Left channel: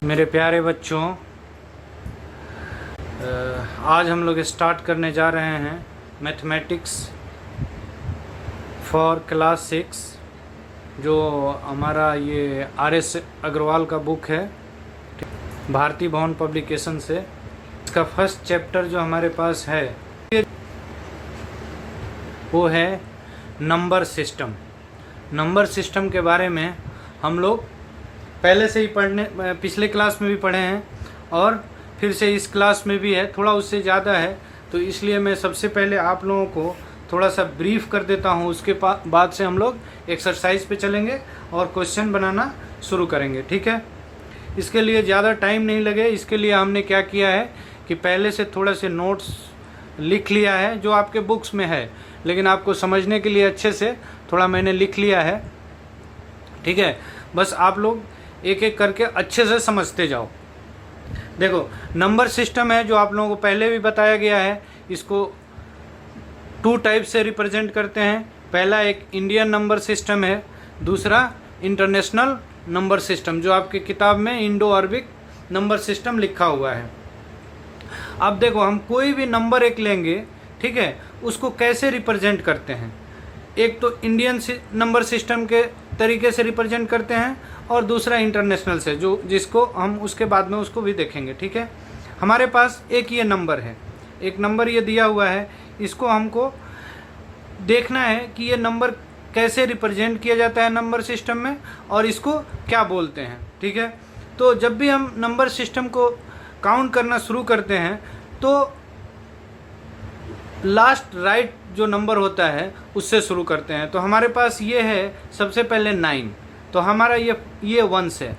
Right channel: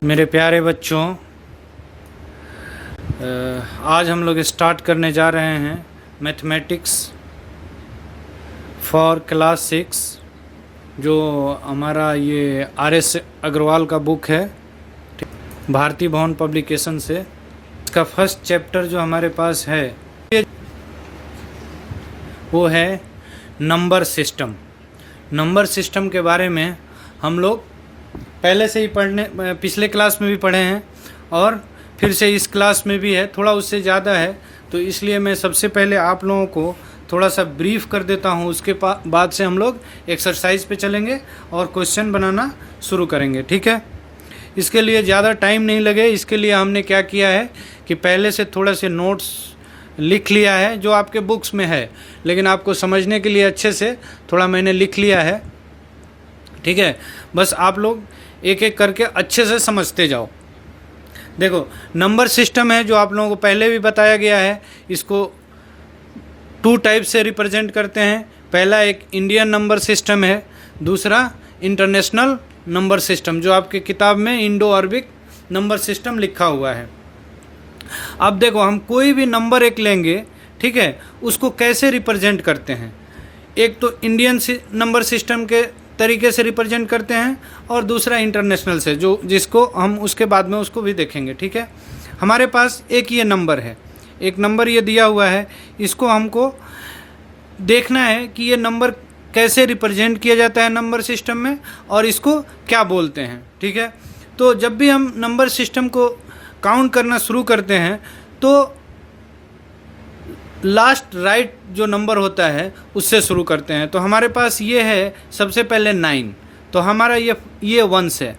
मेरे प्यारे बच्चों, आज हम लोग स्टार्ट करने जा रहे हैं मैथमेटिक्स फॉर क्लास 6, जो हमारा ये RS अग्रवाल का बुक है, भारती भवन पब्लिकेशन से। इसका फर्स्ट चैप्टर जो हमारे पास है वो है नंबर सिस्टम। नंबर सिस्टम के बारे में हम लोग पहले से ही पिछले क्लास में भी पढ़े हैं और फिर से इस क्लास में भी है, थोड़ा उससे ज़्यादा है, तो इसलिए मैं सबसे पहले आप लोगों को थोड़ा सा ब्रीफ कर देता हूँ। उसके बाद से हम लोग एक्सरसाइज पे चलेंगे और क्वेश्चन बनाना शुरू करेंगे, ठीक है। इसके लिए ज़्यादा टाइम नहीं लगे, इसके लिए हमने क्या किया है कि पहले से थोड़े से नोट्स लिख लिया है जो आपके बुक्स में है, लेकिन आपको समझने के लिए अच्छे से थोड़ा मैंने लिख लिया है, ठीक है। बस आप लोग एक एक करके अच्छे से समझते जाओ। देखो, नंबर सिस्टम है जो आप लोगों को पहले भी बताया गया है। इसको 2 टाइप से रिप्रेजेंट करते हैं। पहला एक इंडियन नंबर सिस्टम है, दूसरा इंटरनेशनल नंबर सिस्टम, जो आपकी किताब में इंडो अरबिक नंबर सिस्टम लिखा हुआ है। अब देखो, हम कोई भी नंबर एक लेंगे, ठीक है, उसको कैसे रिप्रेजेंट करते हैं। एक तो इंडियन नंबर सिस्टम के तरीके से रिप्रेजेंट करते हैं और दूसरा इंटरनेशनल से, जिसको हम उसके बाद में उसको भी देखेंगे, ठीक है। हमारे पास एक ये नंबर है, एक नंबर ये दिया हुआ है, इसको हमको देखना है कि ये नंबर कैसे रिप्रेजेंट किया जाता है नंबर सिस्टम में और इसको क्या बोलते हैं, ठीक है। तो जब भी हम नंबर सिस्टम को काउंट करना शुरू करते हैं तो लास्ट राइट जो नंबर होता है उससे शुरू करते हैं। तो हमारे पास ये है सबसे पहले 9, तो हमारा ये वंस है।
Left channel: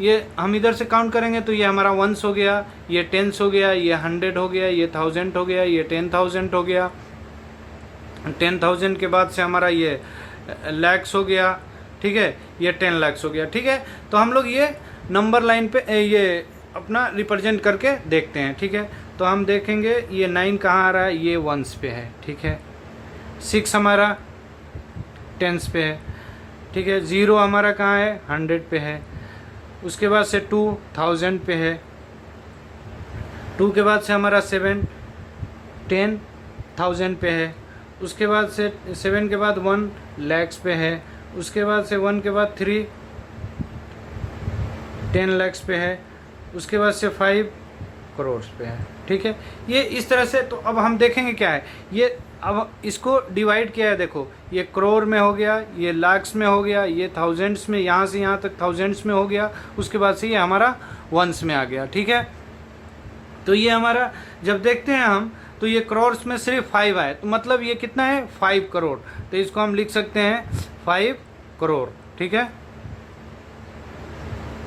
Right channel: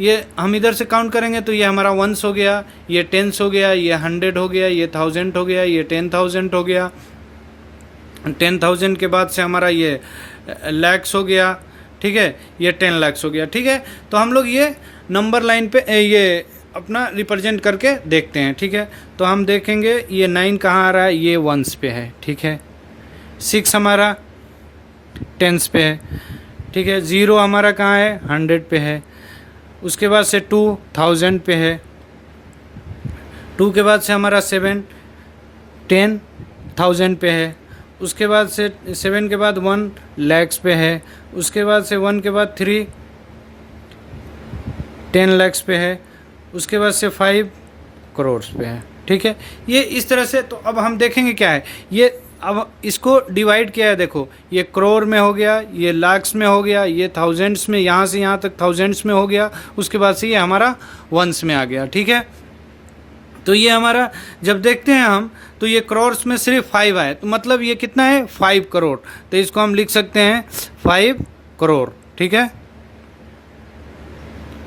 ये हम इधर से काउंट करेंगे तो ये हमारा वंस हो गया, ये टेंस हो गया, ये 100 हो गया, ये 1000 हो गया, ये 10,000 हो गया। 10,000 के बाद से हमारा ये लैक्स हो गया, ठीक है, ये 10 लाख हो गया, ठीक है। तो हम लोग ये नंबर लाइन पे ये अपना रिप्रेजेंट करके देखते हैं, ठीक है। तो हम देखेंगे ये 9 कहाँ आ रहा है, ये वंस पे है, ठीक है। 6 हमारा टेंस पे है, ठीक है। 0 हमारा कहाँ है, 100 पे है। उसके बाद से 2 1000 पे है। 2 के बाद से हमारा 7 10,000 पे है। उसके बाद से 7 के बाद 1 लैक्स पे है। उसके बाद से 1 के बाद 3 10 लैक्स पे है। उसके बाद से 5 करोड़ पे है, ठीक है। ये इस तरह से। तो अब हम देखेंगे क्या है ये। अब इसको डिवाइड किया है, देखो, ये करोड़ में हो गया, ये लाख्स में हो गया, ये थाउजेंड्स में, यहाँ से यहाँ तक थाउजेंड्स में हो गया। उसके बाद से ये हमारा वंस में आ गया, ठीक है। तो ये हमारा जब देखते हैं हम तो ये करोड़्स में सिर्फ 5 आए, तो मतलब ये कितना है, 5 करोड़। तो इसको हम लिख सकते हैं 5 करोड़, ठीक है,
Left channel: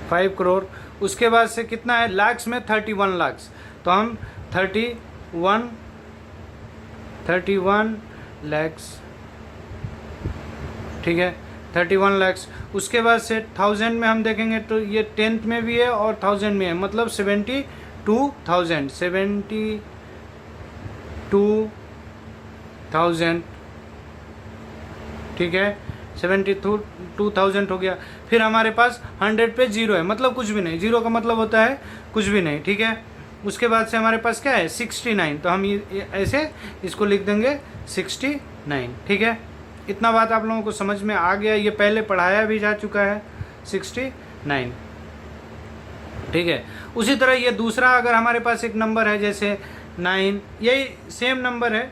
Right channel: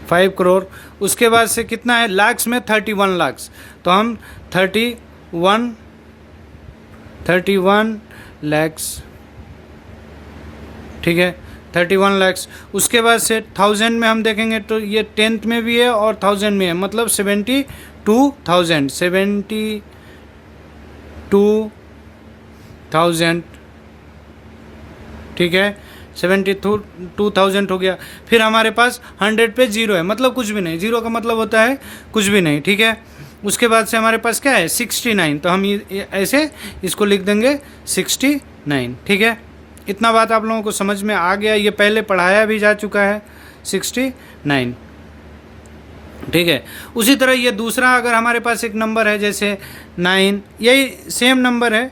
5 करोड़। उसके बाद से कितना है, लाख्स में 31 लाख्स, तो हम 31 लैक्स, ठीक है, 31 लैक्स। उसके बाद से 1000 में हम देखेंगे तो ये 10th में भी है और 1000 में है, मतलब 72,000, ठीक है, 72,000 हो गया। फिर हमारे पास 100 पे 0 है, मतलब कुछ भी नहीं। 0 का मतलब होता है कुछ भी नहीं, ठीक है। उसके बाद से हमारे पास क्या है, 69, तो हम ये ऐसे इसको लिख देंगे 69, ठीक है। इतना बात आप लोगों को समझ में आ गया। ये पहले पढ़ाया भी जा चुका है, 69, ठीक है। उसी तरह ये दूसरा, अगर हमारे पास एक नंबर है जैसे 9, यही सेम नंबर है,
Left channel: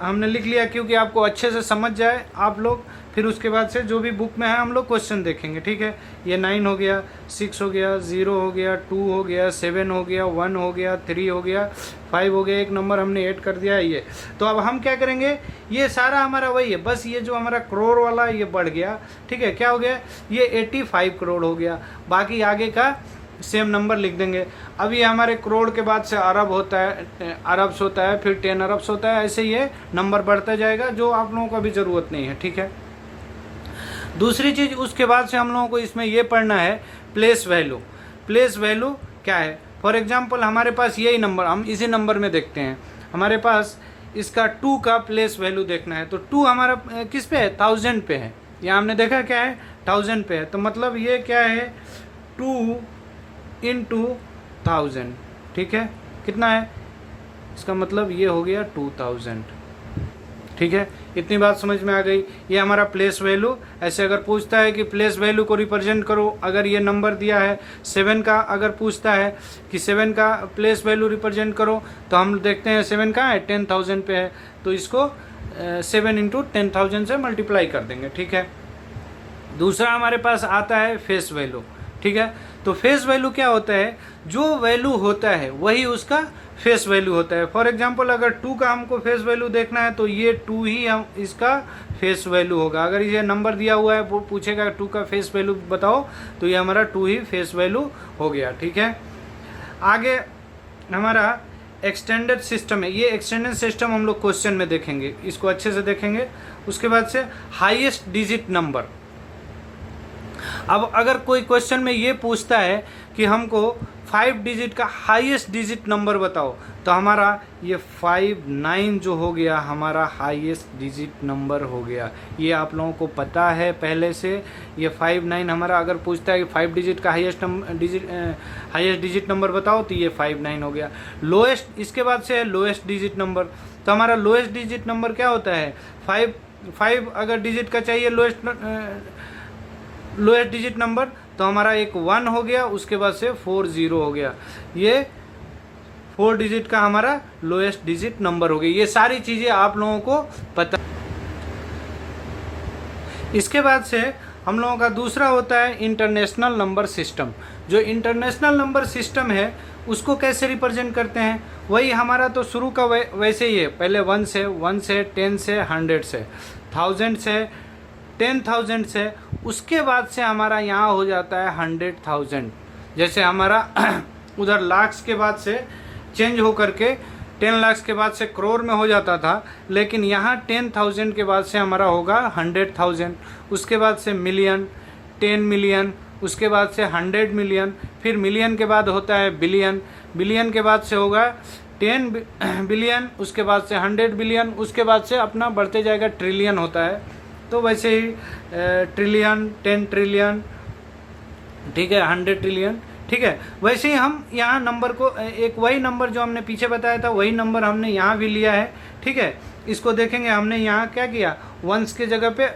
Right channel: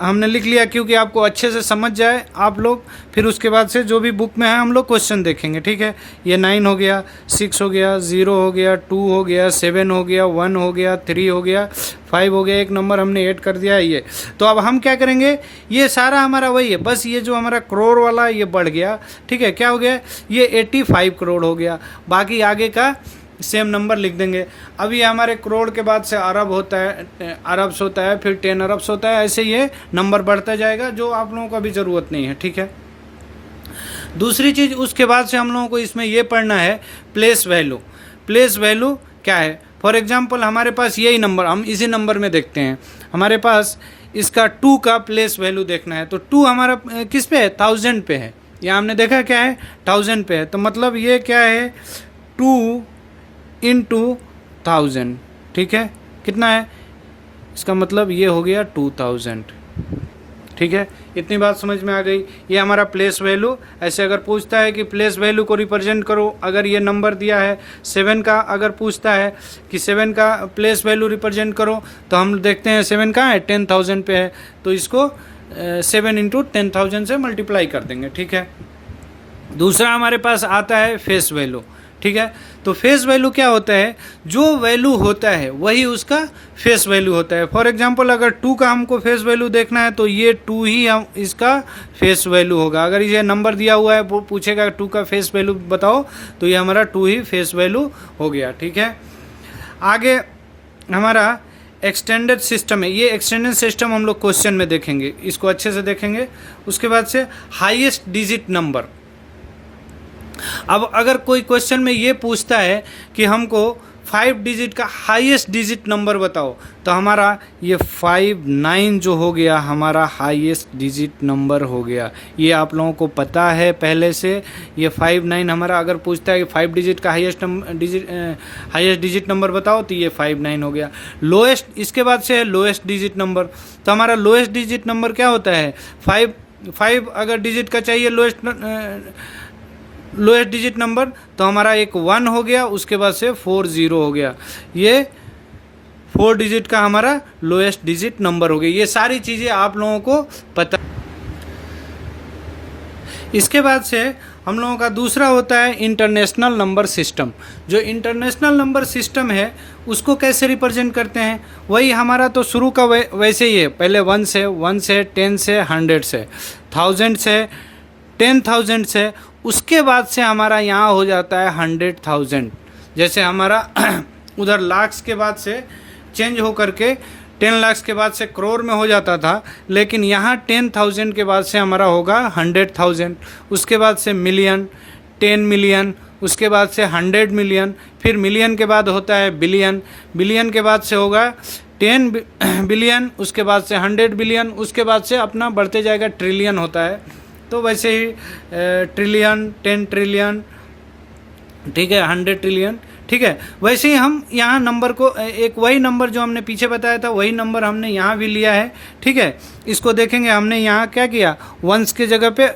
हमने लिख लिया क्योंकि आपको अच्छे से समझ जाए आप लोग। फिर उसके बाद से जो भी बुक में है हम लोग क्वेश्चन देखेंगे, ठीक है। ये 9 हो गया, 6 हो गया, 0 हो गया, 2 हो गया, 7 हो गया, 1 हो गया, 3 हो गया, 5 हो गया, एक नंबर हमने ऐड कर दिया ये। तो अब हम क्या करेंगे, ये सारा हमारा वही है, बस ये जो हमारा करोड़ वाला ये बढ़ गया, ठीक है। क्या हो गया, ये 85 करोड़ हो गया। बाकी आगे का सेम नंबर लिख देंगे। अब ये हमारे करोड़ के बाद से अरब होता है, अरब्स होता है, फिर 10 अरब्स होता है, ऐसे ये नंबर बढ़ता जाएगा, जो आप लोगों को अभी ज़रूरत नहीं है, ठीक है। दूसरी चीज़ उसके बाद से हम लोगों को इसमें ये पढ़ना है प्लेस वैल्यू। प्लेस वैल्यू क्या है, फॉर एग्जांपल हमारे पास यही नंबर, हम इसी नंबर में देखते हैं, हमारे पास इसका 2 का प्लेस वैल्यू देखना है। तो 2 हमारा किस पे है, 1000 पे है। यहाँ हमने देखा क्या है, 1000 पे है, तो मतलब ये क्या है, 2 इंटू 1000, ठीक है, कितना है, इसका मतलब ये हो गया 2000, ठीक है। इतनी बात समझ में आ गई। ये हमारा प्लेस वैल्यू। ऐसे अगर पूछता है कि प्लेस वैल्यू को रिप्रेजेंट करो, अगर ये नंबर दिया है 7 का, अगर पूछता है कि 7 का प्लेस वैल्यू रिप्रेजेंट करो, तो हम देखते हैं 7 कहाँ है, 10,000 पे है, तो इसको 7 इंटू 10,000 से मल्टीप्लाई कर देंगे, ठीक है। दूसरा हमारे पास आता है फेस वैल्यू, ठीक है। तो फेस वैल्यू क्या होता है, जो वैल्यू होता है वही उसका फेस वैल्यू होता है। फॉर एग्जांपल अगर 2 का हमको फेस वैल्यू देखना है तो ये 2 ही हम इसका फेस वैल्यू होगा। अगर ये नंबर दिया हुआ है, वो पूछेगा 2 का फेस वैल्यू बताओ, तो ये हमारा 2 ही फेस वैल्यू हो गया, ठीक है। आगे हमारा एक्सटेंडेड सिस्टम है। ये एक्सटेंडेड सिस्टम हम लोग क्वेश्चन में देखेंगे, इसको अच्छे से देखेंगे। उसके बाद से हाईएस्ट डिजिट नंबर। अब अगर कोई क्वेश्चन में ये पूछता है कि हमको 5 डिजिट का हाईएस्ट डिजिट नंबर बताओ, तो हमारा ये 59 जो हो गया हमारा हाईएस्ट डिजिट नंबर हो गया। ये आप लोगों को पता है पहले से। ये 59 हमारा अगर पूछता है कि 5 डिजिट का हाईएस्ट डिजिट नंबर बताओ, तो ये 59 हो गया। लोएस्ट, इसके बाद से है लोएस्ट डिजिट नंबर। तो हमारा लोएस्ट डिजिट नंबर क्या होता है, 5 अगर डिजिट का चाहिए लोएस्ट डिजिट नंबर, तो हमारा एक 1 हो गया, उसके बाद से 40 हो गया। ये 4 डिजिट का हमारा लोएस्ट डिजिट नंबर हो गया। ये सारी चीज़ें आप लोगों को पता। इसके बाद से हम लोगों का दूसरा होता है इंटरनेशनल नंबर सिस्टम। जो इंटरनेशनल नंबर सिस्टम है उसको कैसे रिप्रेजेंट करते हैं, वही हमारा तो शुरू का वैसे ही है। पहले 1 से 10 से 100 से 1000 से 10,000 से, उसके बाद से हमारा यहाँ हो जाता है 100,000। जैसे हमारा उधर लाख्स के बाद से चेंज हो करके 10 लाख के बाद से करोड़ में हो जाता था, लेकिन यहाँ 10,000 के बाद से हमारा होगा 100,000, उसके बाद से मिलियन, 10 मिलियन, उसके बाद से 100 मिलियन, फिर मिलियन के बाद होता है बिलियन, बिलियन के बाद से होगा 10 बिलियन, उसके बाद से 100 बिलियन, उसके बाद से अपना बढ़ते जाएगा ट्रिलियन होता है। तो वैसे ही ट्रिलियन, 10 ट्रिलियन, ठीक है, 100 ट्रिलियन, ठीक है। वैसे ही हम यहाँ नंबर को एक वही नंबर जो हमने पीछे बताया था वही नंबर हमने यहाँ भी लिया है, ठीक है। इसको देखेंगे, हमने यहाँ क्या किया, 1s के जगह पे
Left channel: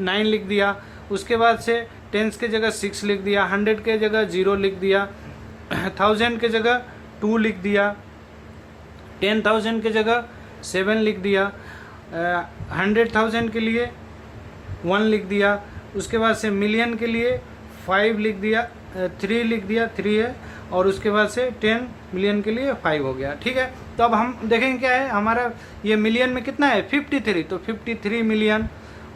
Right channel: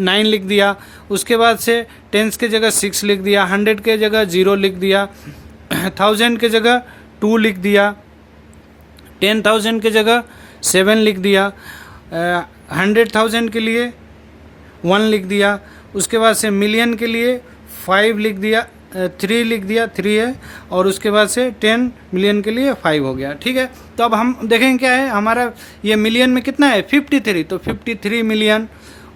9 लिख दिया, उसके बाद से 10s के जगह 6 लिख दिया, 100 के जगह 0 लिख दिया, 1000 के जगह 2 लिख दिया, 10,000 के जगह 7 लिख दिया, 100,000 के लिए 1 लिख दिया, उसके बाद से मिलियन के लिए 5 लिख दिया, 3 लिख दिया, 3 है, और उसके बाद से 10 मिलियन के लिए 5 हो गया, ठीक है। तो अब हम देखेंगे क्या है हमारा, ये मिलियन में कितना है 53, तो 53 मिलियन,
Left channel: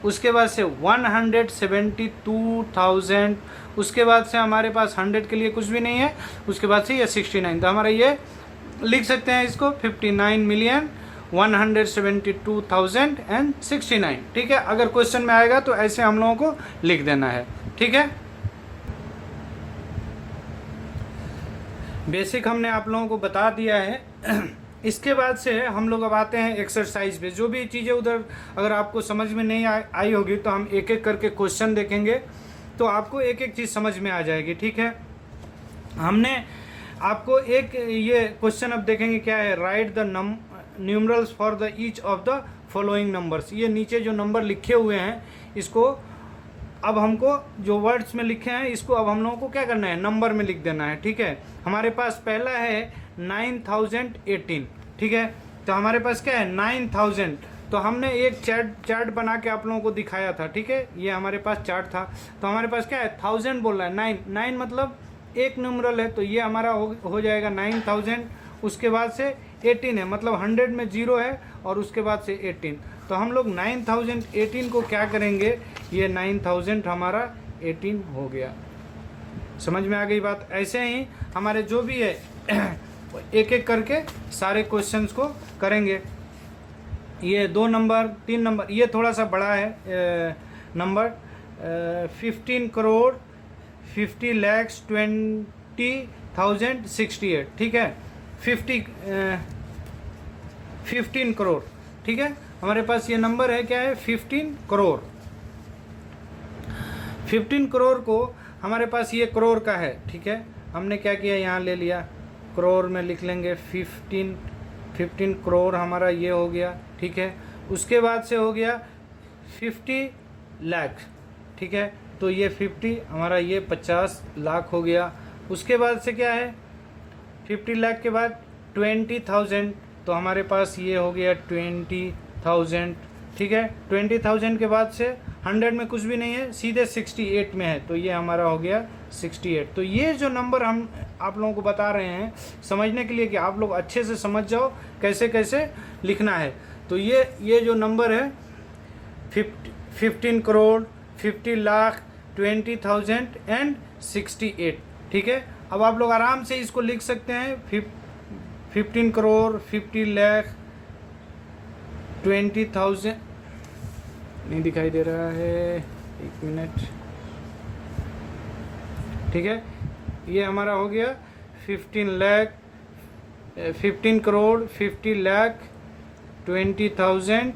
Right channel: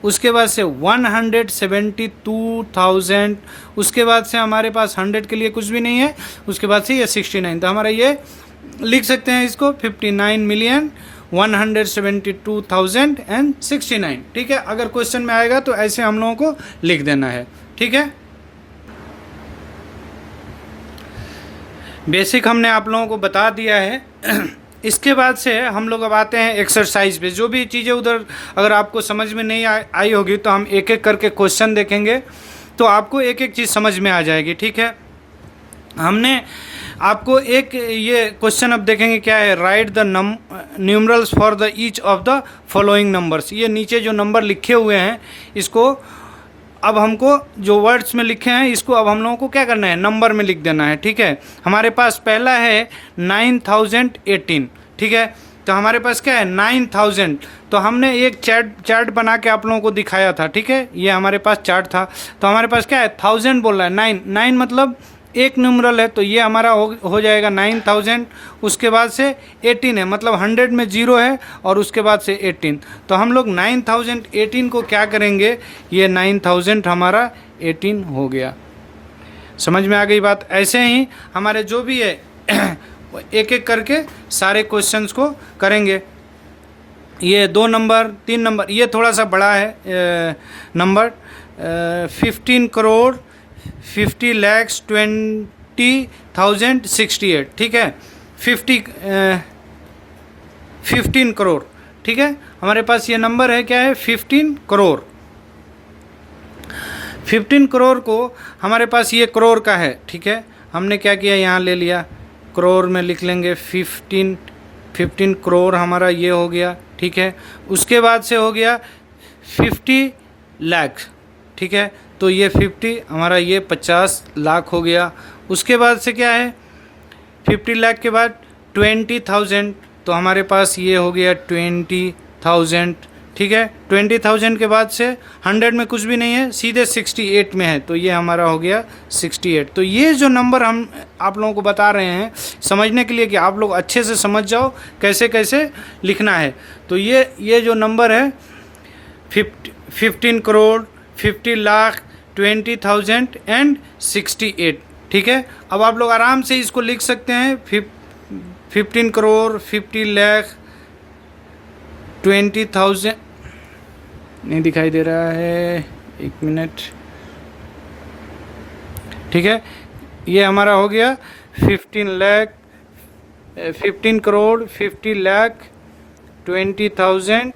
उसके बाद से 172,000, उसके बाद से हमारे पास 100 के लिए कुछ भी नहीं है, उसके बाद से ये 69, तो हमारा ये लिख सकते हैं इसको 59,172,069, ठीक है। अगर क्वेश्चन में आएगा तो ऐसे हम लोगों को लिख देना है, ठीक है। बेसिक हमने आप लोगों को बता दिया है। इसके बाद से हम लोग अब आते हैं एक्सरसाइज पे। जो भी चीज़ें उधर अगर आपको समझ में नहीं आई होगी तो हम एक एक करके क्वेश्चन देखेंगे, तो आपको एक एक चीज़ समझ में आ जाएगी, ठीक है। हमने आपको एक ये क्वेश्चन अब देखेंगे क्या है, right the numerals for the each of the following numbers. ये नीचे जो नंबर लिखे हुए हैं इसको अब हमको जो वर्ड्स में लिखे हैं इसको अब हम लोगों को क्या करना है, नंबर में लिख देना है, ठीक है। हमारे पास पहला है 9018, ठीक है। तो हमारे पास क्या है 9000, तो हमने एक चार्ट बना के आप लोगों को दिखाया था, ठीक है। ये हमारे पास चार्ट था, तो हमारे पास क्या है 1000 बोल रहा है, 9 मतलब एक न्यूमरल है, तो ये हमारा हो जाएगा 9000। उसके बाद से 18 है, मतलब 100 में 0 है, और उसके बाद से 18, तो हम लोग 9018 को क्या करेंगे, ये 9000 हमारा 18 हो गया। समझ में आ गई बात। ऐसे ही हमारे जो भी है एक एक करके सारे क्वेश्चंस को करेंगे। ये 2 नंबर 3 नंबर, ये थोड़ा सा बड़ा है नंबर, 15 करोड़ 50,20,068, ठीक है। 15 करोड़, ठीक है। हमारे पास ये नंबर है क्या है 15 करोड़। 15 करोड़ को हमारे पास ये करोड़ का है, ठीक है। हमने क्या किया, यहाँ ले लिया, करोड़ में लिख लेंगे 15 करोड़ हमारा ये हो गया, ठीक है। उसके बाद से हो गया 50 लाख, ठीक है, तो ये 50 हमारा ये 50 लाख हो गया। उसके बाद से क्या है, 50 लाख के बाद 20,000, तो हमारे पास ये हो गया 20,000, ठीक है। 20,000 के बाद से 100 में कुछ भी नहीं है, सीधे 68 में है, तो ये हमारा हो गया 68। तो ये जो नंबर हम आप लोगों को बता रहे हैं समझने के लिए कि आप लोग अच्छे से समझ जाओ कैसे कैसे लिखना है। तो ये जो नंबर है 15 करोड़, 50 लाख, 20,000 एंड 68, ठीक है। अब आप लोग आराम से इसको लिख सकते हैं, 15 करोड़, 50 लाख, 20,000, नहीं दिखाई दे रहा है, 1 मिनट, ठीक है। ये हमारा हो गया 15 करोड़, 50 लाख, 20,000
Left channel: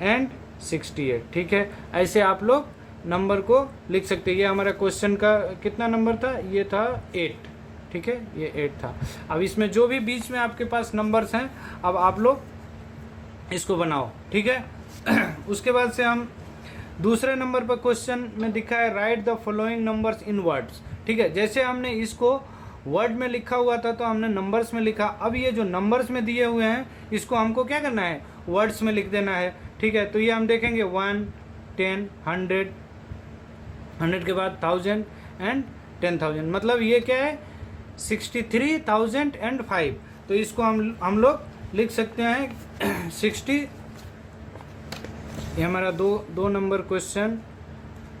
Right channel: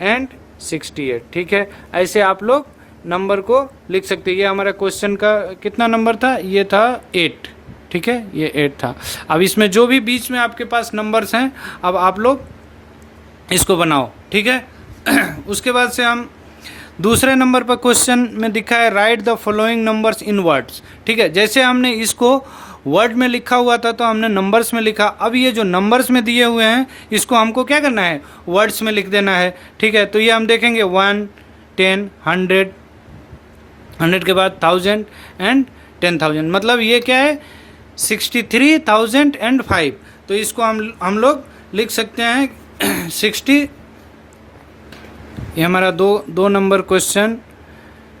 एंड 68, ठीक है। ऐसे आप लोग नंबर को लिख सकते हैं। ये हमारा क्वेश्चन का कितना नंबर था, ये था 8, ठीक है, ये 8 था। अब इसमें जो भी बीच में आपके पास नंबर्स हैं, अब आप लोग इसको बनाओ, ठीक है। उसके बाद से हम दूसरे नंबर पर क्वेश्चन में दिखा है right the following numbers in words, ठीक है। जैसे हमने इसको वर्ड में लिखा हुआ था तो हमने नंबर्स में लिखा, अब ये जो नंबर्स में दिए हुए हैं इसको हमको क्या करना है, वर्ड्स में लिख देना है, ठीक है। तो ये हम देखेंगे 1, 10, 100 के बाद 1000 एंड 10,000, मतलब ये क्या है 63,005। तो इसको हम लोग लिख सकते हैं 60, ये हमारा दो नंबर क्वेश्चन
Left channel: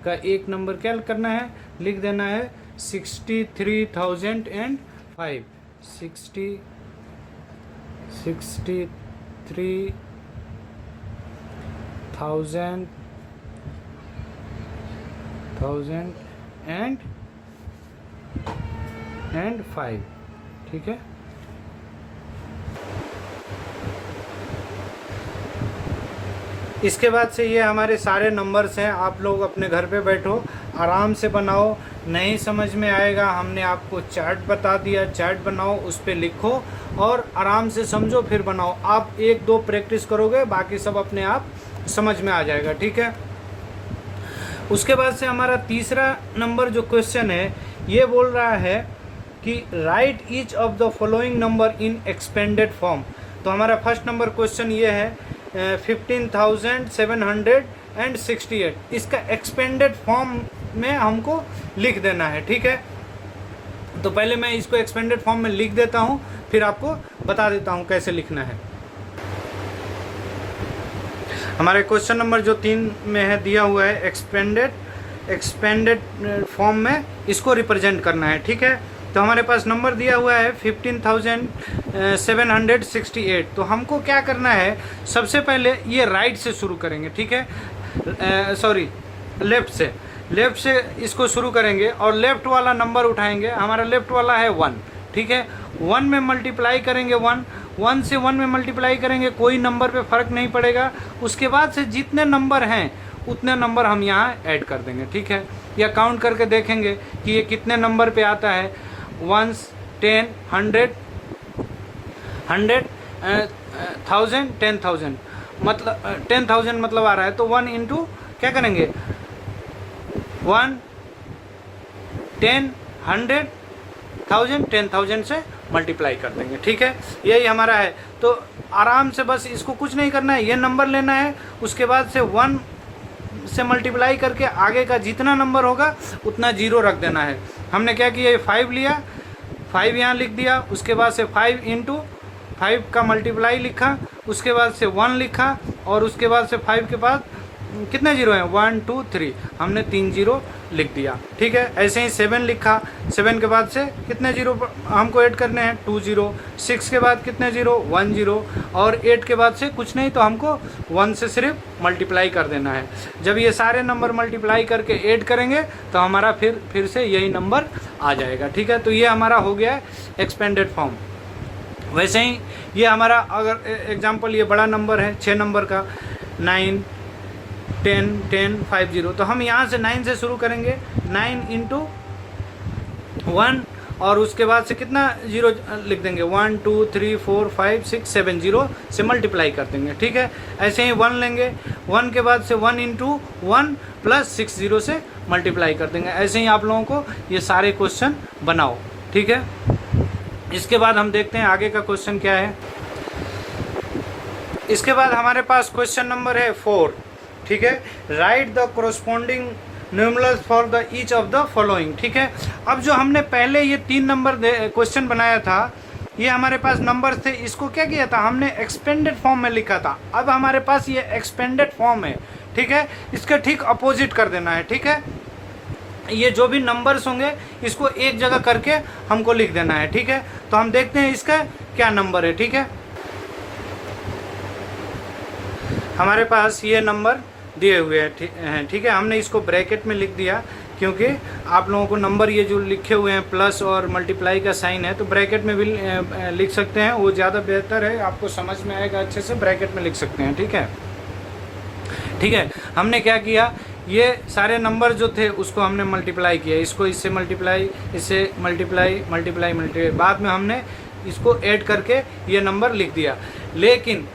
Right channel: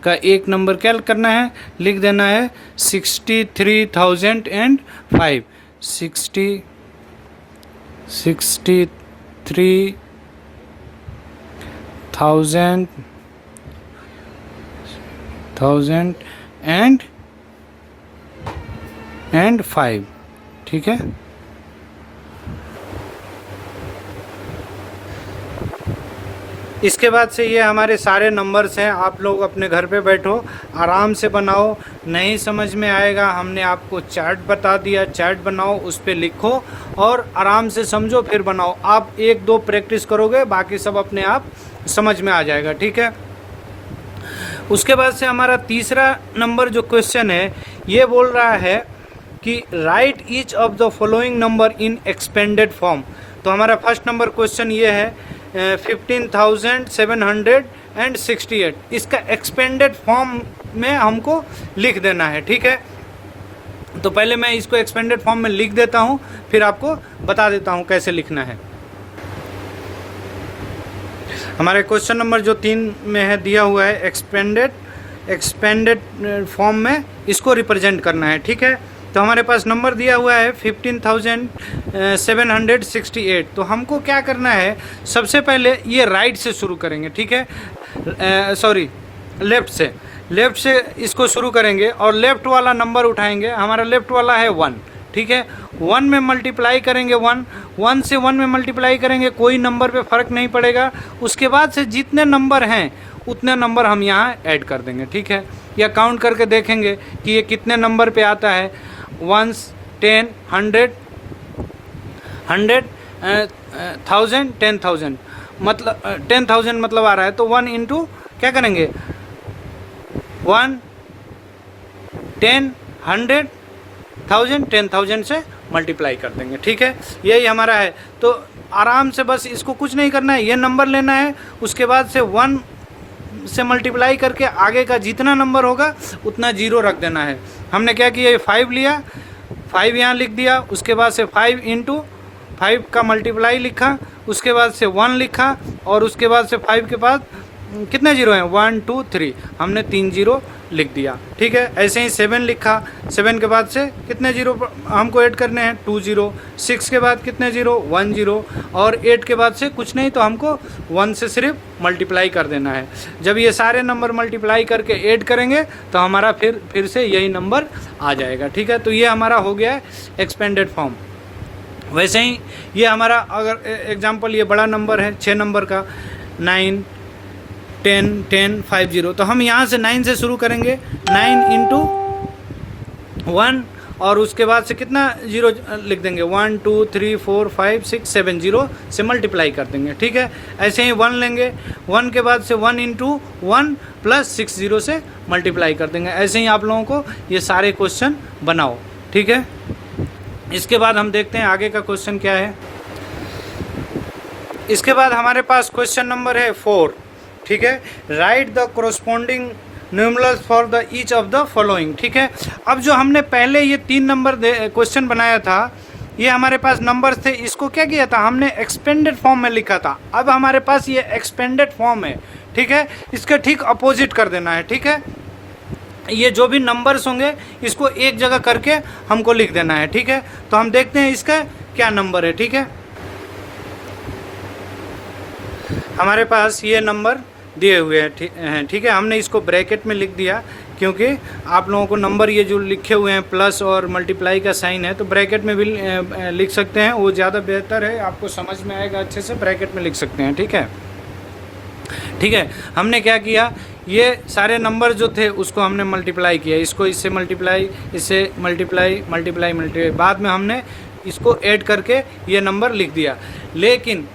का एक नंबर क्या करना है, लिख देना है 63,005, 63,005, ठीक है। इसके बाद से ये हमारे सारे नंबर्स हैं, आप लोग अपने घर पे बैठो आराम से बनाओ। नहीं समझ में आएगा, हमने आपको चार्ट बता दिया, चार्ट बनाओ, उस पर लिखो और आराम से समझो फिर बनाओ। आप 1-2 प्रैक्टिस करोगे, बाकी सब अपने आप समझ में आ जाएगा, ठीक है। उसके बाद से हमारा तीसरा नंबर जो क्वेश्चन है ये बोल रहा है कि right each of the following number in expanded form. तो हमारा फर्स्ट नंबर क्वेश्चन ये है 15,768, इसका एक्सपेंडेड फॉर्म में हमको लिख देना है, ठीक है। तो पहले मैं इसको एक्सपेंडेड फॉर्म में लिख देता हूँ, फिर आपको बता देता हूँ कैसे लिखना है। हमारे क्वेश्चन नंबर जो 3 में है दिया हुआ है एक्सपेंडेड फॉर्म में इसको रिप्रेजेंट करना है, ठीक है। तो हमारे पास नंबर दिया हुआ है 15,768। तो हमको क्या करना है, सबसे पहले ये राइट से शुरू करेंगे, ठीक है, लेफ़्ट से इसको शुरू करेंगे और लेफ़्ट वाला नंबर उठाएंगे। हमारा लेफ़्ट वाला है 1, ठीक है। 1 में मल्टीप्लाई करेंगे, 1 से 1 में मल्टीप्लाई करेंगे, कोई नंबर पे फ़र्क नहीं पड़ेगा। उसके बाद से जितने नंबर हैं उतने नंबर हम यहाँ ऐड कर देंगे, ठीक है। या काउंट करके देखेंगे कि ये कितने नंबर पे आता है, 1, 10, 100, 1000, 10,000, मतलब 10,000 मतलब आ रहा है। तो 1 इंटू क्या करेंगे, 1, 10, 100, 1000, 10,000 से मल्टीप्लाई कर देंगे, ठीक है। यही हमारा है। तो आराम से बस इसको कुछ नहीं करना है, ये नंबर लेना है, उसके बाद से 1 से मल्टीप्लाई करके आगे का जितना नंबर होगा उतना 0 रख देना है। हमने क्या किया, 5 लिया, 5 यहाँ लिख दिया, उसके बाद से 5 इंटू 5 का मल्टीप्लाई लिखा, उसके बाद से 1 लिखा और उसके बाद से 5 के बाद कितने 0 हैं, 1, 2, 3, हमने 3 0 लिख दिया, ठीक है। ऐसे ही 7 लिखा, 7 के बाद से कितने 0 हमको ऐड करने हैं, 2 0, 6 के बाद कितने 0, 1 0 और 8 के बाद से कुछ नहीं, तो हमको 1 से सिर्फ मल्टीप्लाई कर देना है। जब ये सारे नंबर मल्टीप्लाई करके ऐड करेंगे तो हमारा फिर से यही नंबर आ जाएगा, ठीक है। तो ये हमारा हो गया है एक्सपेंडेड फॉर्म। वैसे ही ये हमारा अगर एग्जाम्पल ये बड़ा नंबर है 6 नंबर का, 9, 10, 10, 5 0, तो हम यहाँ से 9 से शुरू करेंगे, 9 इंटू 1 और उसके बाद से कितना जीरो लिख देंगे, 1 2 3 4 5 6 7 जीरो से मल्टीप्लाई कर देंगे। ठीक है, ऐसे ही 1 लेंगे, 1 के बाद से 1 इंटू 1 प्लस 6 जीरो से मल्टीप्लाई कर देंगे। ऐसे ही आप लोगों को ये सारे क्वेश्चन बनाओ। ठीक है, इसके बाद हम देखते हैं आगे का क्वेश्चन क्या है। इसके बाद हमारे पास क्वेश्चन नंबर है 4। ठीक है, right the corresponding numerals for the each of the following. ठीक है, अब जो हमने पहले ये 3 नंबर क्वेश्चन बनाया था, ये हमारे पास नंबर थे, इसको क्या किया था हमने एक्सपेंडेड फॉर्म में लिखा था। अब हमारे पास ये एक्सपेंडेड फॉर्म है। ठीक है, इसके ठीक अपोजिट कर देना है। ठीक है, ये जो भी नंबर्स होंगे इसको एक जगह करके हमको लिख देना है। ठीक है, तो हम देखते हैं इसका क्या नंबर है। ठीक है, हमारे पास ये नंबर दिए हुए हैं। ठीक है, हमने इसको ब्रैकेट में लिख दिया क्योंकि आप लोगों को नंबर ये जो लिखे हुए हैं प्लस और मल्टीप्लाई का साइन है, तो ब्रैकेट में भी लिख सकते हैं, वो ज़्यादा बेहतर है, आपको समझ में आएगा अच्छे से, ब्रैकेट में लिख सकते हैं। ठीक है, ठीक है, हमने क्या किया, ये सारे नंबर जो थे उसको हमने मल्टीप्लाई किया, इसको इससे मल्टीप्लाई, इससे मल्टीप्लाई मल्टीप्लाई मल्टीप्लाई, बाद में हमने इसको ऐड करके ये नंबर लिख दिया। लेकिन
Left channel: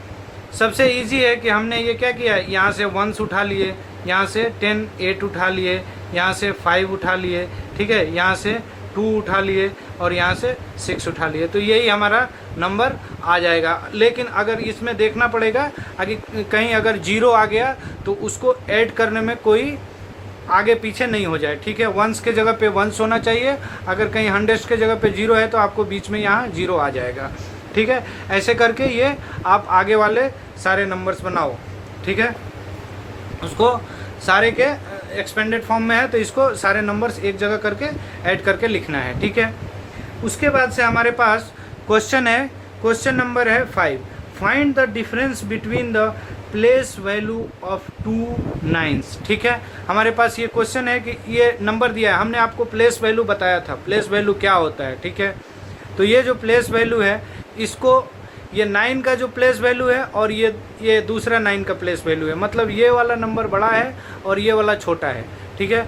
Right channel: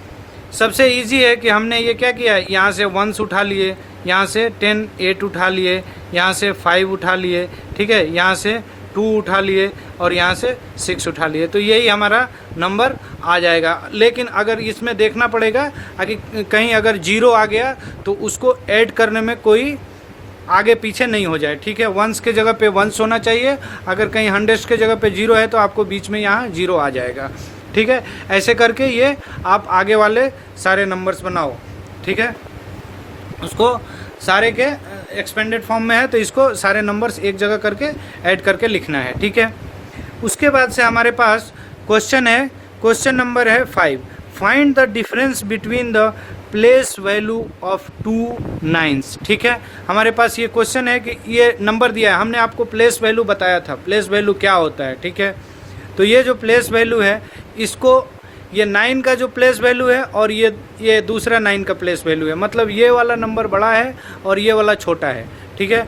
सबसे इजी है कि हमने ये क्या किया, यहाँ से 1s उठा लिए, यहाँ से 10 8 उठा लिए, यहाँ से 5 उठा लिए। ठीक है, यहाँ से 2 उठा लिए और यहाँ से 6 उठा लिए, तो यही हमारा नंबर आ जाएगा। लेकिन अगर इसमें देखना पड़ेगा कि कहीं अगर 0 आ गया तो उसको ऐड करने में कोई आगे पीछे नहीं हो जाए। ठीक है, 1s के जगह पे 1s होना चाहिए, अगर कहीं 100 के जगह पे 0 है तो आपको बीच में यहाँ 0 आ जाएगा। ठीक है, ऐसे करके ये आप आगे वाले सारे नंबर्स बनाओ। ठीक है, उसको सारे के एक्सपेंडेड फॉर्म में है तो इसको सारे नंबर्स एक जगह करके ऐड करके लिखना है। ठीक है, उसके बाद से हमारे पास क्वेश्चन है, क्वेश्चन नंबर है 5। Find the difference between the place value of 2 9s। ठीक है, हमारे पास ये क्वेश्चन है कि ये नंबर दिया है, हमने आपको प्लेस वैल्यू बताया था, प्लेस वैल्यू क्या होता है। ठीक है, तो ये जो प्लेस वैल्यू है, इसको ये 9 का जो प्लेस वैल्यू है और ये दूसरा 9 का प्लेस वैल्यू है, मतलब ये वाला नंबर बड़ा है और ये वाला छोटा है। ठीक है,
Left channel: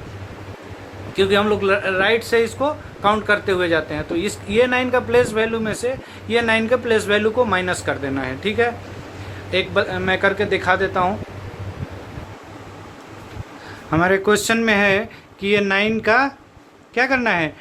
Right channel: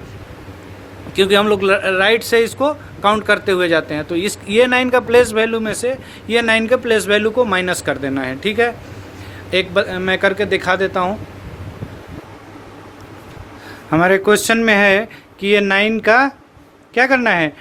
क्योंकि हम लोग राइट से इसको काउंट करते हुए जाते हैं, तो ये 9 का प्लेस वैल्यू में से ये 9 के प्लेस वैल्यू को माइनस कर देना है। ठीक है, मैं करके दिखा देता हूँ। हमारे क्वेश्चन में है कि ये 9 का क्या करना है,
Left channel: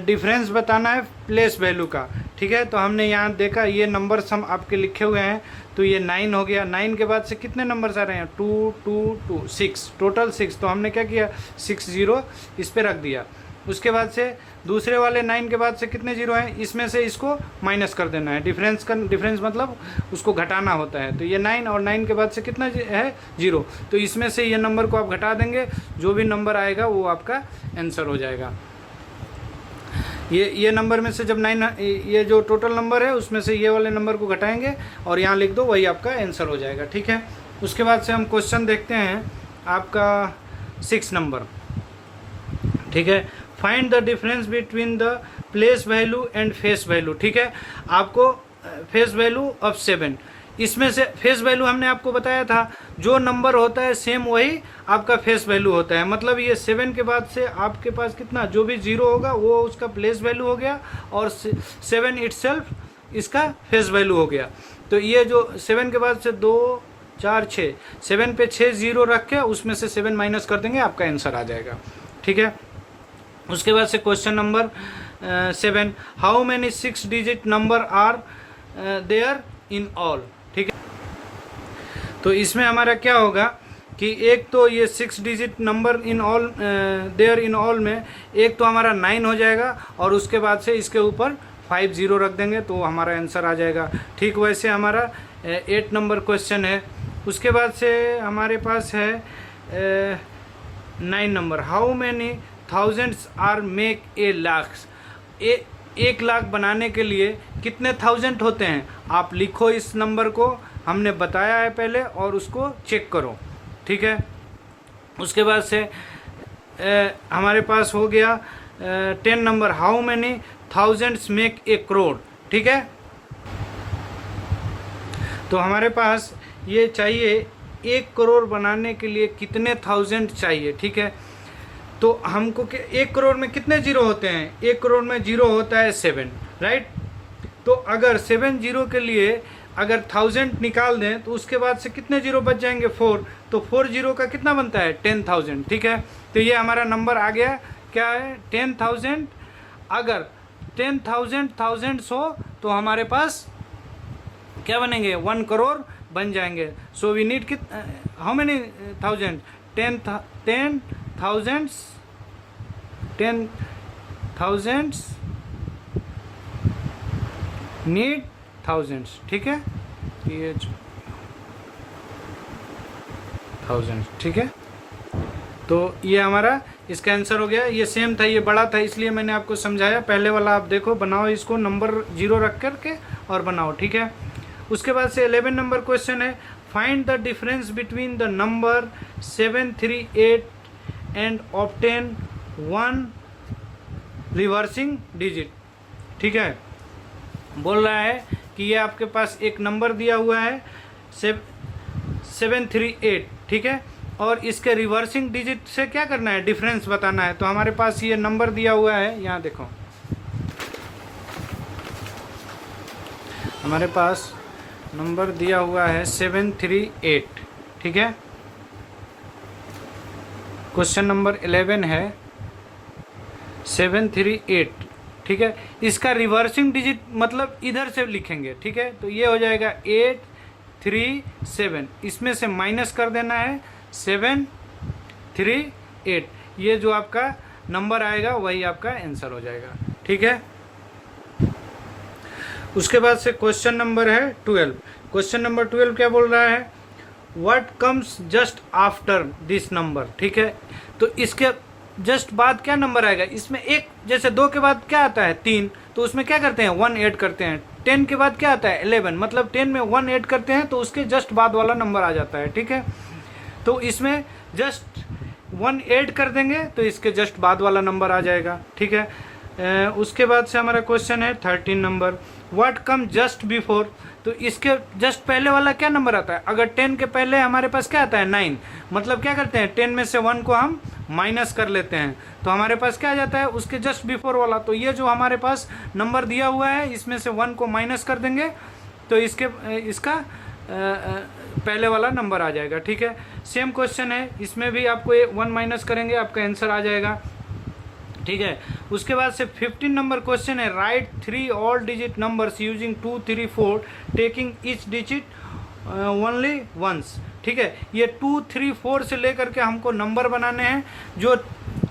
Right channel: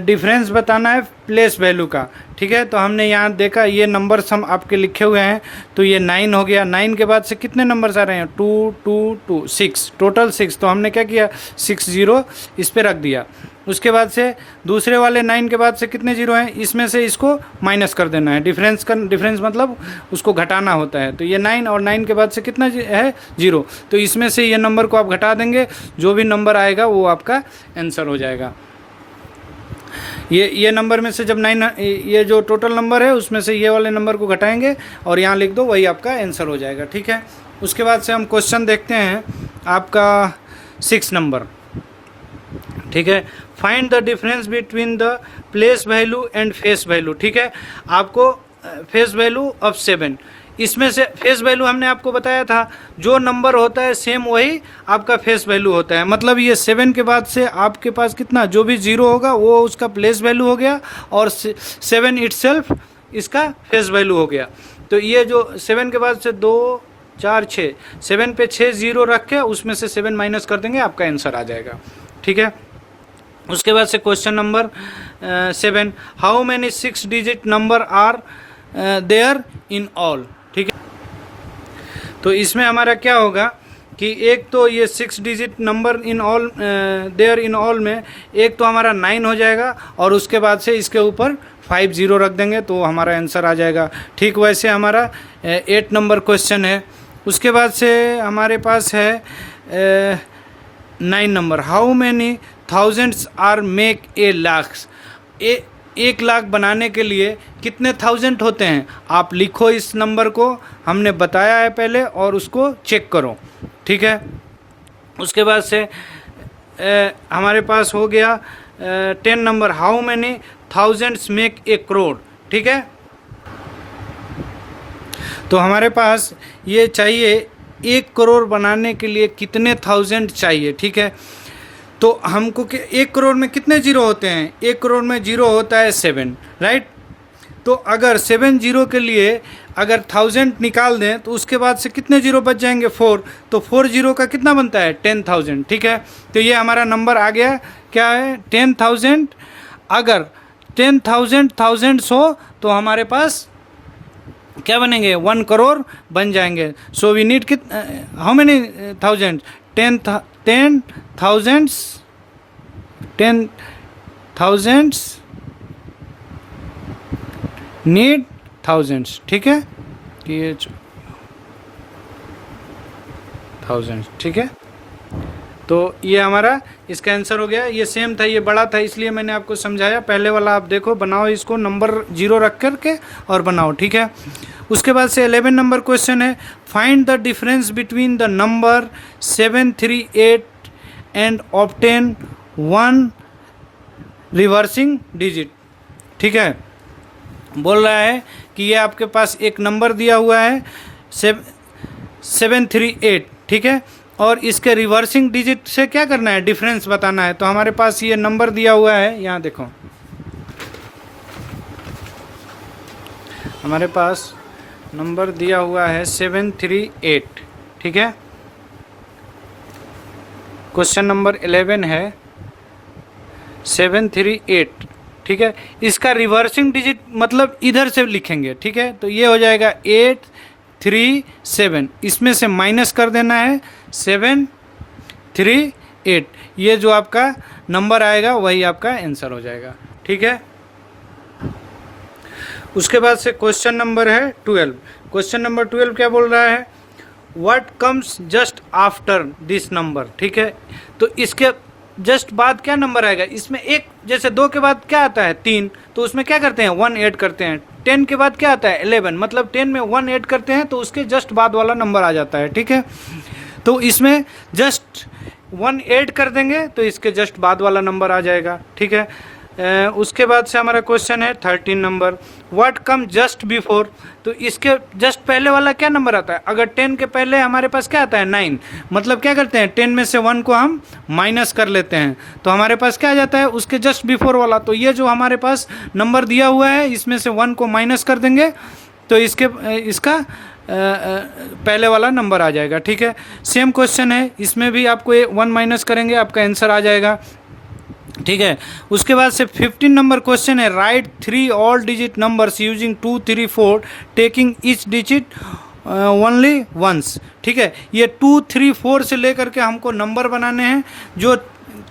डिफरेंस बताना है प्लेस वैल्यू का। ठीक है, तो हमने यहाँ देखा ये नंबर्स हम आपके लिखे हुए हैं, तो ये 9 हो गया। 9 के बाद से कितने नंबर्स आ रहे हैं, 2 2 2 6, टोटल 6। तो हमने क्या किया, 6 0 इस पर रख दिया। उसके बाद से दूसरे वाले 9 के बाद से कितने जीरो हैं, इसमें से इसको माइनस कर देना है। डिफरेंस मतलब उसको घटाना होता है, तो ये 9 और 9 के बाद से कितना है, 0। तो इसमें से ये नंबर को आप घटा देंगे, जो भी नंबर आएगा वो आपका आंसर हो जाएगा। ये नंबर में से जब 9, ये जो टोटल नंबर है उसमें से ये वाले नंबर को घटाएंगे और यहाँ लिख दो, वही आपका आंसर हो जाएगा। ठीक है, उसके बाद से हम क्वेश्चन देखते हैं आपका 6 नंबर। ठीक है, find the difference between the place value and face value. ठीक है, आपको फेस वैल्यू ऑफ 7, इसमें से फेस वैल्यू हमने आपको बताया था, जो नंबर होता है सेम वही आपका फेस वैल्यू होता है। मतलब ये 7 के बाद से आपके पास कितना, जो भी 0 होगा वो उसका प्लेस वैल्यू हो गया और 7 इटसेल्फ इसका फेस वैल्यू हो गया। तो ये जो 7 के बाद से 2 4 6, 7 पे 6 0 रख के उसमें से 7 माइनस कर देंगे, आपका आंसर आ जाएगा। ठीक है, उसके बाद से question number 7, how many 6 digit number are there in all. ठीक है, तो इसमें हमारा क्या होगा कि एक तो ये 6 digit number in all there in all में एक तो हमारा 9 हो जाएगा और उसके बाद से इसके ऊपर 5 0 रख देंगे तो हमारा आंसर आ जाएगा। ठीक वैसे हमारा 8 नंबर क्वेश्चन है। उसके बाद से हमारे पास है 9 number, how many thousands are make a lakh. 1 lakh बनाने के लिए कितने थाउजेंड होते हैं, आप लिखो इस नंबर को, हमने बताया है पहले, और उसको चेक करो। ठीक है, उसके बाद से हमारे पास हो गया 10 number, how many thousands make a crore. ठीक है, तो हमारे पास ये चाहिए 1 करोड़ बनाने के लिए कितने थाउजेंड चाहिए। ठीक है, तो हमको 1 करोड़ में कितने जीरो होते हैं? 1 करोड़ में जीरो होता है 7, राइट। तो अगर 7 जीरो के लिए अगर 1000 निकाल दें तो उसके बाद से कितने जीरो बच जाएंगे? 4। तो 4 जीरो का कितना बनता है? 10,000, ठीक है। तो ये हमारा नंबर आ गया, क्या है? 10,000। अगर 10,000 थाउजेंड्स हो तो हमारे पास क्या बनेंगे? 1 करोड़ बन जाएंगे। So we need how many thousand? 10,000 need thousands, ठीक है। ये 1000, ठीक है। तो ये हमारा इसका आंसर हो गया। ये सेम था, ये बड़ा था, इसलिए मैंने आपको समझाया। पहले वाला आप देखो, बनाओ इसको, नंबर 0 रख करके और बनाओ, ठीक है। उसके बाद से 11 नंबर क्वेश्चन है, find the difference between the number 738 and obtain 1 reversing digit, ठीक है। बोल रहा है कि ये आपके पास एक नंबर दिया हुआ है 738, ठीक है, और इसके रिवर्सिंग डिजिट से क्या करना है? डिफरेंस बताना है। तो हमारे पास ये नंबर दिया हुआ है, यहाँ देखो, हमारे पास नंबर दिया हुआ है 738, ठीक है। क्वेश्चन नंबर 11 है 738, ठीक है। इसका रिवर्सिंग डिजिट मतलब इधर से लिखेंगे, ठीक है। तो ये हो जाएगा 837, इसमें से माइनस कर देना है 738। ये जो आपका नंबर आएगा वही आपका आंसर हो जाएगा, ठीक है। उसके बाद से क्वेश्चन नंबर है 12। क्वेश्चन नंबर 12 क्या बोल रहा है? What comes just after this number, ठीक है। तो इसके जस्ट बाद क्या नंबर आएगा? इसमें एक, जैसे 2 के बाद क्या आता है? 3, तो उसमें क्या करते हैं? 1 ऐड करते हैं। 10 के बाद क्या आता है? 11, मतलब 10 में 1 ऐड करते हैं तो उसके जस्ट बाद वाला नंबर आ जाता है, ठीक है। तो इसमें जस्ट 1 ऐड कर देंगे तो इसके जस्ट बाद वाला नंबर आ जाएगा, ठीक है। उसके बाद से हमारा क्वेश्चन है 13 number, what come just before. तो इसके जस्ट पहले वाला क्या नंबर आता है? अगर 10 के पहले हमारे पास क्या आता है? 9, मतलब क्या करते हैं? 10 में से 1 को हम माइनस कर लेते हैं तो हमारे पास क्या आ जाता है? उसके जस्ट बिफोर वाला। तो ये जो हमारे पास नंबर दिया हुआ है इसमें से 1 को माइनस कर देंगे तो इसका पहले वाला नंबर आ जाएगा, ठीक है। सेम क्वेश्चन है, इसमें भी आपको 1 माइनस करेंगे, आपका आंसर आ जाएगा, ठीक है। उसके बाद से 15 नंबर क्वेश्चन है, right 3 all digit numbers using 2, 3, 4 taking each digit only once, ठीक है। ये 2, 3, 4 से लेकर के हमको नंबर बनाने हैं। जो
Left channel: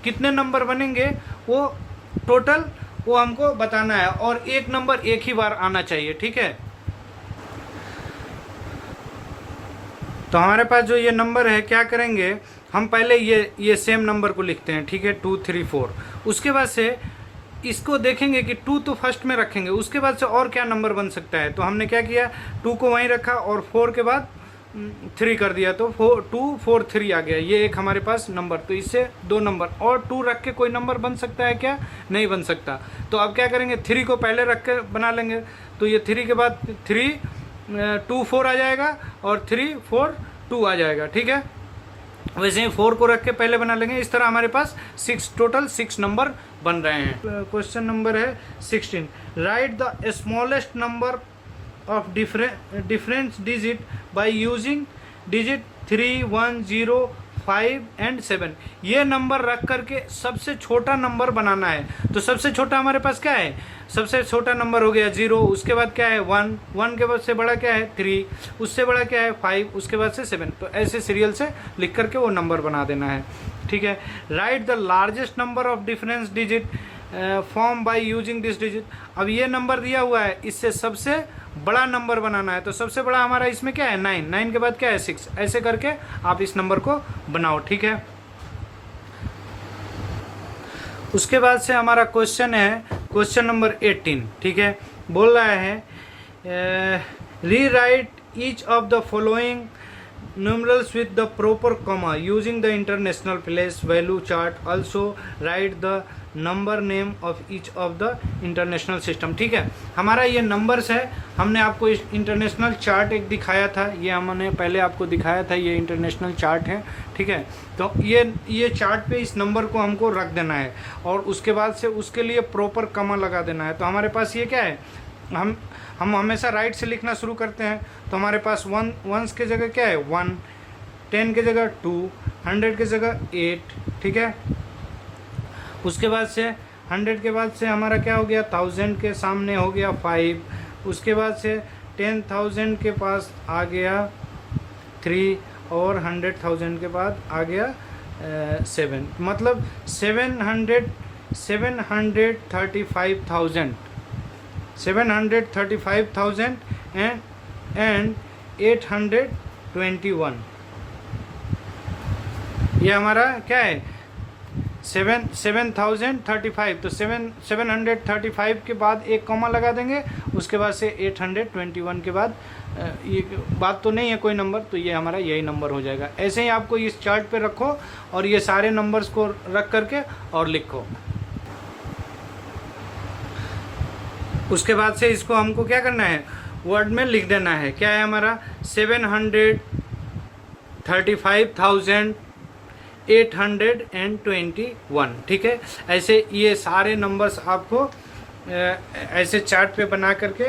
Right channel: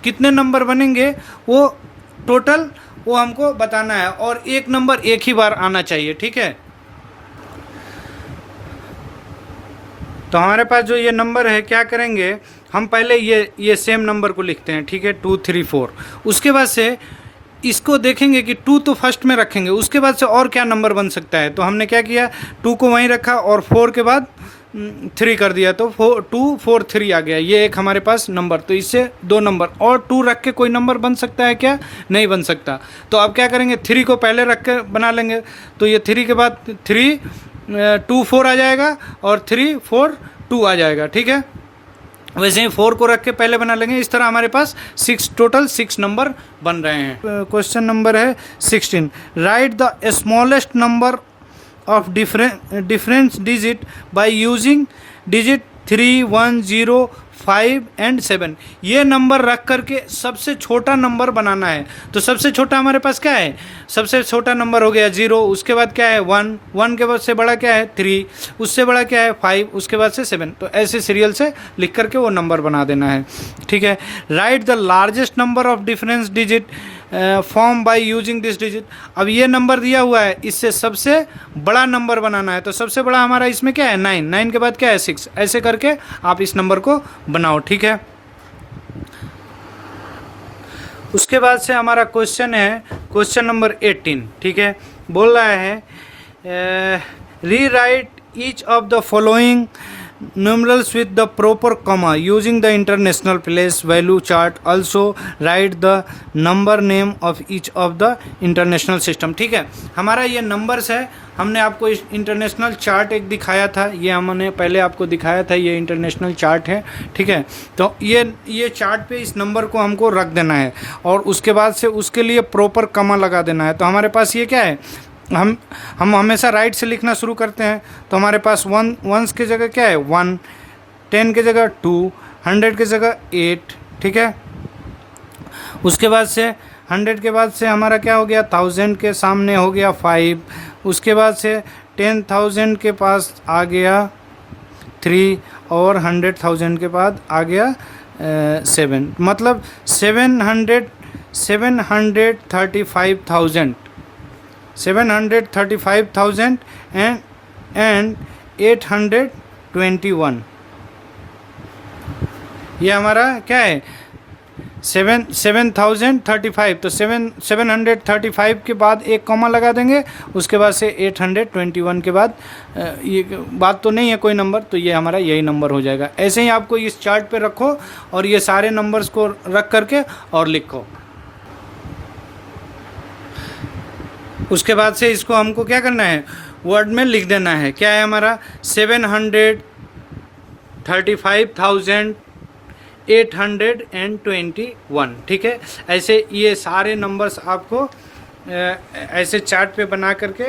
कितने नंबर बनेंगे वो टोटल वो हमको बताना है, और एक नंबर एक ही बार आना चाहिए, ठीक है। तो हमारे पास जो ये नंबर है, क्या करेंगे हम? पहले ये सेम नंबर को लिखते हैं, ठीक है, 2, 3, 4। उसके बाद से इसको देखेंगे कि 2 तो फर्स्ट में रखेंगे, उसके बाद से और क्या नंबर बन सकता है। तो हमने क्या किया, 2 को वहीं रखा और 4 के बाद 3 कर दिया, तो 2, 4, 3 आ गया। ये एक हमारे पास नंबर, तो इससे 2 नंबर, और 2 रख के कोई नंबर बन सकता है क्या? नहीं बन सकता। तो अब क्या करेंगे, 3 को पहले रख के बना लेंगे। तो ये 3 के बाद 3, 2, 4 आ जाएगा और 3, 4, 2 आ जाएगा, ठीक है। वैसे ही 4 को रख के पहले बना लेंगे। इस तरह हमारे पास टोटल 6 नंबर बन रहे हैं। क्वेश्चन नंबर है 16, right the smallest number of difference digit by using digit 3, 1, 0, 5 and 7। ये नंबर रख करके सबसे छोटा नंबर बनाना है। तो सबसे छोटा हमारे पास क्या है? सबसे छोटा नंबर हो गया 0, उसके बाद क्या है 1, 1 के बाद से बड़ा क्या है 3, उससे बड़ा क्या है 5, उसके बाद से 7। तो ऐसे सीरियल से लिख करके वो नंबर बना देना है, ठीक है। Right the largest number of difference digit form by using this digit. अब ये नंबर दिया हुआ है, इससे सबसे बड़ा नंबर बनाना है। तो सबसे बड़ा हमारा इसमें क्या है 9, 9 के बाद क्या है 6। ऐसे करके आप इस नंबर को बनाओ, ठीक है। उसके बाद से हमारा क्वेश्चन है क्वेश्चन नंबर 18, ठीक है। बोल रहा है री right each of the following numerals with the proper comma using the international place value chart. Also write the number name of each of the international system. ठीक है, हमारा ये नंबर्स है. हमने आपको इंटरनेशनल चार्ट एक दिखाया था, ये हमने पहले आपको दिखाया था, ये इंटरनेशनल चार्ट है. ठीक है, तो ये चार्ट पे इस नंबर को हमको रख देना है और उसके बाद से उसके लिए प्रॉपर कमा लगा देना है. तो हमारे पास ये क्या है, हम हमेशा राइट से लिखना शुरू करते हैं. तो हमारे पास वंस की जगह क्या है 1, 10 की जगह 2, 100 की जगह 8. ठीक है, उसके बाद से 100 के बाद से हमारा क्या हो गया, 1000 के सामने हो गया 5. उसके बाद से 10,000 के पास आ गया 3 और 100,000 के बाद आ गया 7. मतलब 735,000 and 821. ये हमारा क्या है 7,035. तो 735 के बाद एक कॉमा लगा देंगे, उसके बाद से 821 के बाद ये बात तो नहीं है कोई नंबर, तो ये हमारा यही नंबर हो जाएगा. ऐसे ही आपको इस चार्ट पे रखो और ये सारे नंबर्स को रख करके और लिखो. उसके बाद से इसको हमको क्या करना है, वर्ड में लिख देना है. क्या है हमारा 735,821. ठीक है, ऐसे ये सारे नंबर्स आपको ऐसे चार्ट पे बना करके,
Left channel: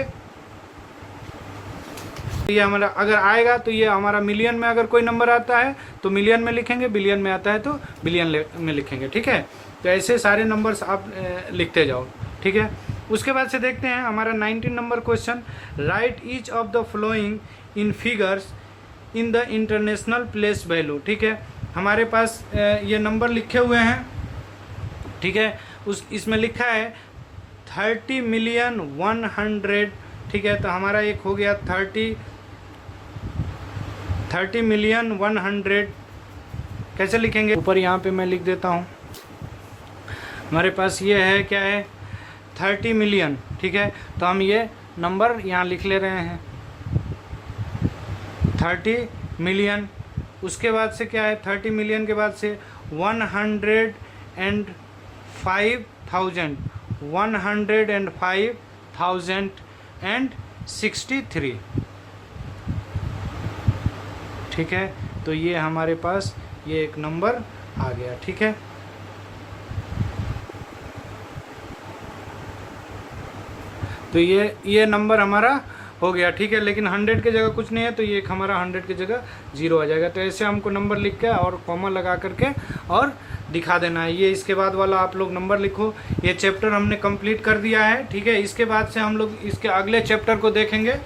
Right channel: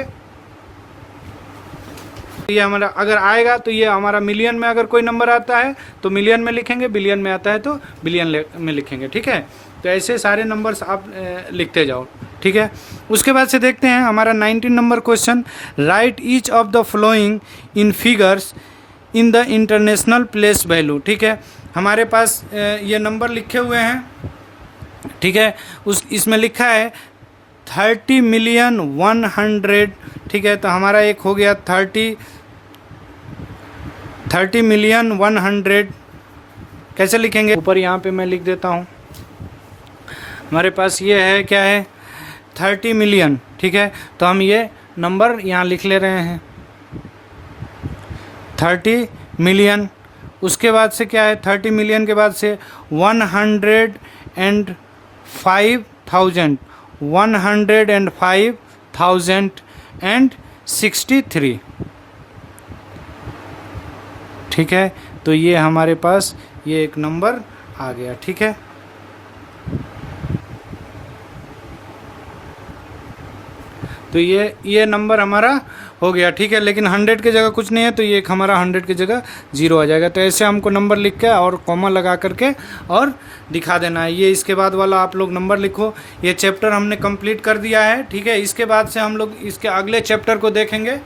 ये हमारा अगर आएगा तो ये हमारा मिलियन में अगर कोई नंबर आता है तो मिलियन में लिखेंगे, बिलियन में आता है तो बिलियन में लिखेंगे. ठीक है, तो ऐसे सारे नंबर्स आप लिखते जाओ. ठीक है, उसके बाद से देखते हैं हमारा 19 number question. Right each of the following in figures in the international place value. ठीक है, हमारे पास ये नंबर लिखे हुए हैं. ठीक है, इसमें लिखा है 30,000,100. ठीक है, तो हमारा एक हो गया 30,000,100. कैसे लिखेंगे, ऊपर यहाँ पे मैं लिख देता हूँ. हमारे पास ये है क्या है 30 मिलियन. ठीक है, तो हम ये नंबर यहाँ लिख ले रहे हैं 30 मिलियन. उसके बाद से क्या है 30 मिलियन के बाद से 105,063. ठीक है, तो ये हमारे पास ये एक नंबर आ गया. ठीक है, तो ये नंबर हमारा हो गया. ठीक है, लेकिन 100 की जगह कुछ नहीं है तो ये एक हमारा 100 की जगह 0 आ जाएगा. तो ऐसे हमको नंबर लिख के और कॉमा लगा करके और दिखा देना है. ये इसके बाद वाला आप लोग नंबर लिखो. ये चैप्टर हमने कंप्लीट कर दिया है. ठीक है, इसके बाद से हम लोग इसके अगले चैप्टर को देखेंगे.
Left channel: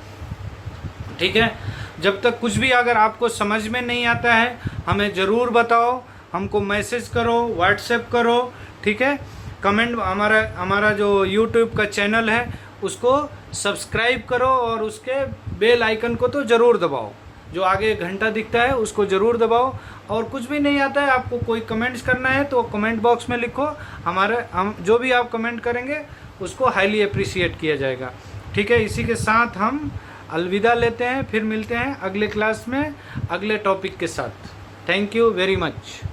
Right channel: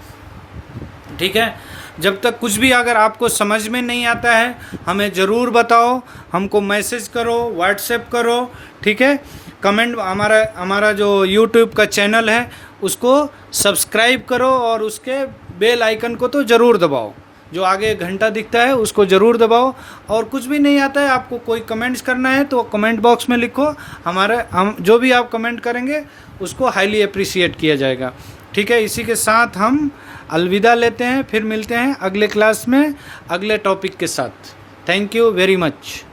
ठीक है, जब तक कुछ भी अगर आपको समझ में नहीं आता है हमें ज़रूर बताओ, हमको मैसेज करो, व्हाट्सएप करो. ठीक है, कमेंट, हमारा जो यूट्यूब का चैनल है उसको सब्सक्राइब करो और उसके बेल आइकन को तो ज़रूर दबाओ, जो आगे घंटा दिखता है उसको ज़रूर दबाओ. और कुछ भी नहीं आता है आपको, कोई कमेंट्स करना है तो कमेंट बॉक्स में लिखो. हम जो भी आप कमेंट करेंगे उसको हाईली अप्रिशिएट किया जाएगा. ठीक है, इसी के साथ हम अलविदा लेते हैं, फिर मिलते हैं अगले क्लास में अगले टॉपिक के साथ. Thank you very much.